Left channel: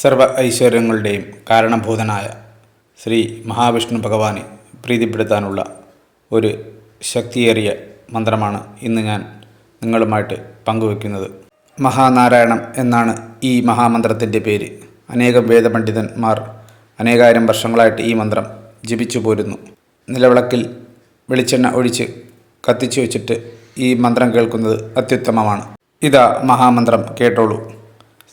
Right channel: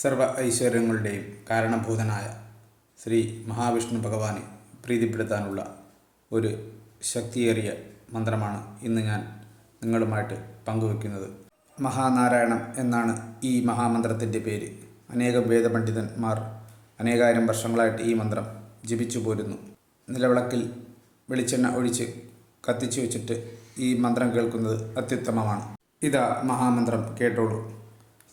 സർവ ഐശ്വര്യങ്ങളുടെയും കാരണഭൂതനായ ശ്രീ മഹാവിഷ്ണു ഭഗവാനെ പ്രീതിപ്പെടുത്താനുള്ള ഒരു ശക്തിയേറിയ മന്ത്രമാണ് ഇന്ന് ഞാൻ നിങ്ങളുമായിട്ട് പങ്കുവെക്കുന്നത്. മഹാനാരായണം എന്നാണ് ഈ മഹാമന്ത്രത്തിന്റെ പേര്. അനേകം വേദപണ്ഡിതന്മാർ അനേകായിരം വർഷങ്ങളായിട്ട് ഈ മന്ത്രം ജപിച്ചു പോരുന്നു. നിലവിളക്കിൽ വെളിച്ചെണ്ണ ഒഴിച്ച് കത്തിച്ചു വെച്ചിട്ട് ഈ മന്ത്രം കേൾക്കുന്നത് അത്യുത്തമമാണ്. ഇതാ മഹാമന്ത്രം കേട്ടോളൂ.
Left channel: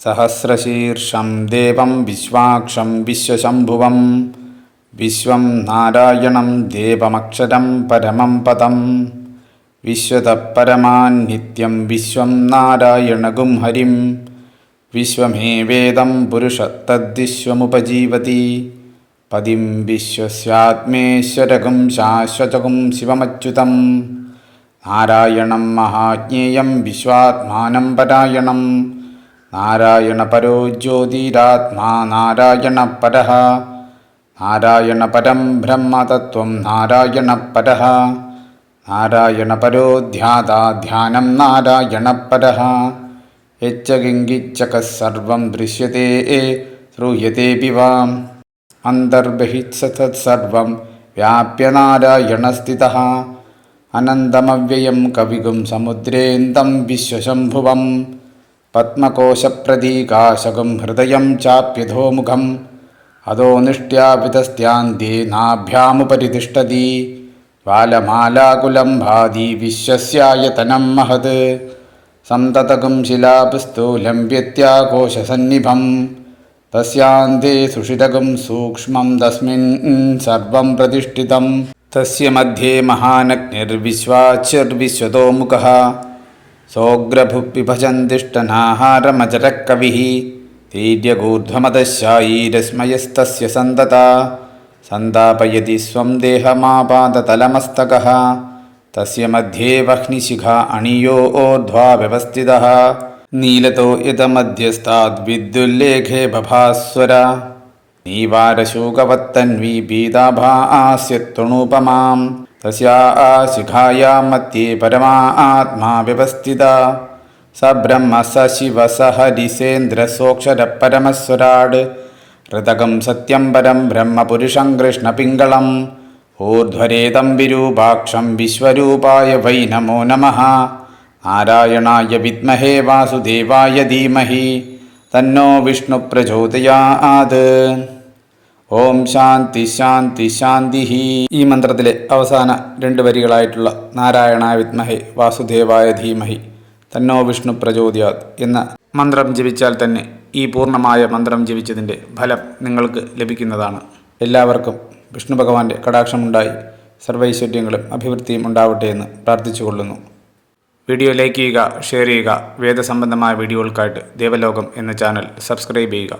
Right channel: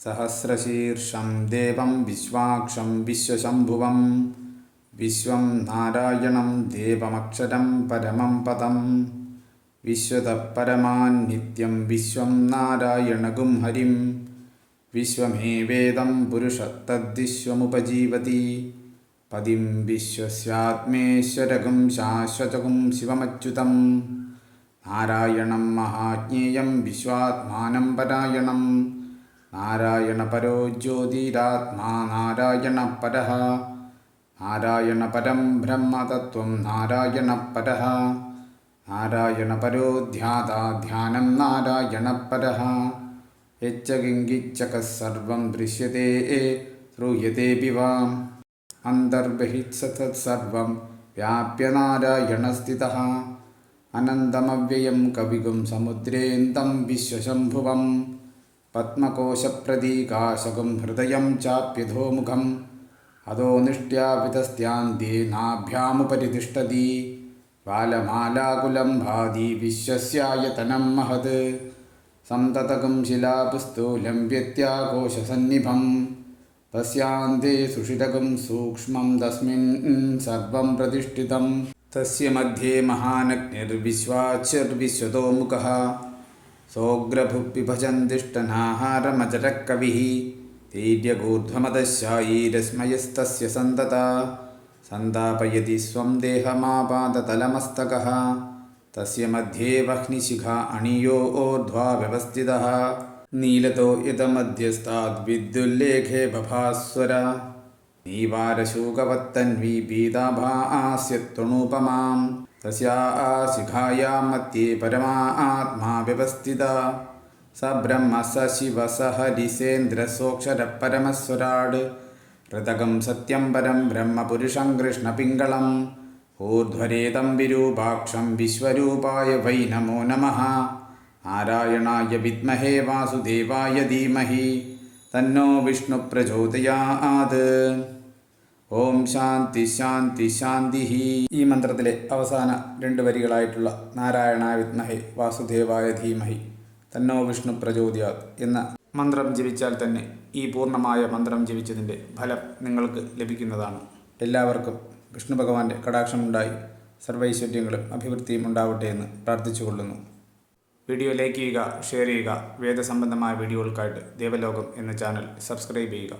സഹസ്രശീർഷം ദേവം വിശ്വാക്ഷം വിശ്വശംഭുവം. വിശ്വം നാരായണം ദേവമക്ഷരം പരമം പദം. വിശ്വതപരമാൻ നിത്യം വിശ്വം നാരായണഗും ഹരിം. വിശ്വമേവേദം പുരുഷ തദ്വിശ്വമുപജീവതി പതിം വിശ്വസ്യാത്മേശ്വരകും ശാശ്വതകും ശിവമച്യുതം. നാരായണം മഹാജ്ഞേയം വിശ്വാത്മാനം പരായണം. നാരായണപരോ ജ്യോതിരാത്മാ നാരായണപരഃ. നാരായണപരം ബ്രഹ്മതത്വം നാരായണപരഃ. നാരായണപരോ ധ്യാതാ ധ്യാനം നാരായണപരഃ. യച്ച കിങ്കിച്ചക സർവം ദൃശ്യത്തെ ശ്രൂയത്തെ വാം അന്തർബഹിത്സതത്സർവം വ്യാപ്യ നാരായണസ്ഥിതഃ. അനന്തമവ്യയം കവികും സമുദ്രേന്തം വിശ്വശംഭുവം. പത്മകോശപ്രതീകാശകം ഹൃദയം ചാപ്യധോമുഖം. അധോ നിഷ്ട്യാപിതസ്ത്യാന്തി നാഭ്യാമുപരി തിഷ്ടതി ജ്വാലമാലാകുലം ഭാതി വിശ്വസ്യായതനം മഹത്. സന്തതകും ശിലാപുസ്ഥൂലം വ്യത്യാകോശസന്നിഭം തസ്യാന്തേ സുഷിതകും സൂക്ഷ്മം തസ്മിൻ സർവം പ്രതിഷ്ഠിതം. सोऽग्रभु विभजन्दिष्टनाहारमजरकविः तीर्यगूर्ध्वमदशायीरश्मयस्तस्य सन्तता। सन्तापयति स्वं देहमापादतलमस्तकः तस्य मध्ये वह्निशिखा अणियो ओर्ध्वा व्यवस्थितः। नीलतो यतमध्यस्ताद्विद्युल्लेखे भभास्वर नीवारशूकवत्तन्वी पीताभा आस्य आस्यत्वणुपमां तस्या आ शिखायां मत्ये परमा आत्मा व्यवस्थिता। स ब्रह्म स शिव स हरिसेन्द्रसोऽक्षरपरमस्वराड् हृदकं सत्यं परं ब्रह्मपुरुषं कृष्णपिङ्गळम् ऊर्ध्वरेतं विरूपाक्षं विश्वरूपाय वै नमो नमः। नारायणाय विद्महे वासुदेवाय धीमहि। തന്നോ വിഷ്ണു പ്രചോദയാത്. ഓം ശാന്തി ശാന്തി ശാന്തി ഈ മന്ത്രത്തിലെ അവസാന രണ്ട് വരികളായിട്ടുള്ള നാരായണ വിദ്മഹേ വാസുദേവായ ധീമഹി തന്നോ വിഷ്ണു പ്രചോദയാത് എന്ന മന്ത്രം ജപിച്ചാൽ തന്നെ ഈ പൂർണമായ മന്ത്രം ജപിച്ചതിന്റെ ഫലം നിങ്ങൾക്ക് ലഭിക്കുന്നതാണ്. എല്ലാവർക്കും വിഷ്ണു ഭഗവാന്റെ കടാക്ഷമുണ്ടായി സർവൈശ്വര്യങ്ങളും അഭിവൃദ്ധിയും ഉണ്ടാവട്ടെ എന്ന് പ്രാർത്ഥിച്ചുകൊള്ളുന്നു. വീഡിയോ ലൈക്ക് ചെയ്യുക ഷെയർ ചെയ്യുക വേദസംബന്ധമായ വീഡിയോകൾക്കായിട്ട് ദേവലോകം എന്ന ചാനൽ സബ്സ്ക്രൈബ് ചെയ്യുക.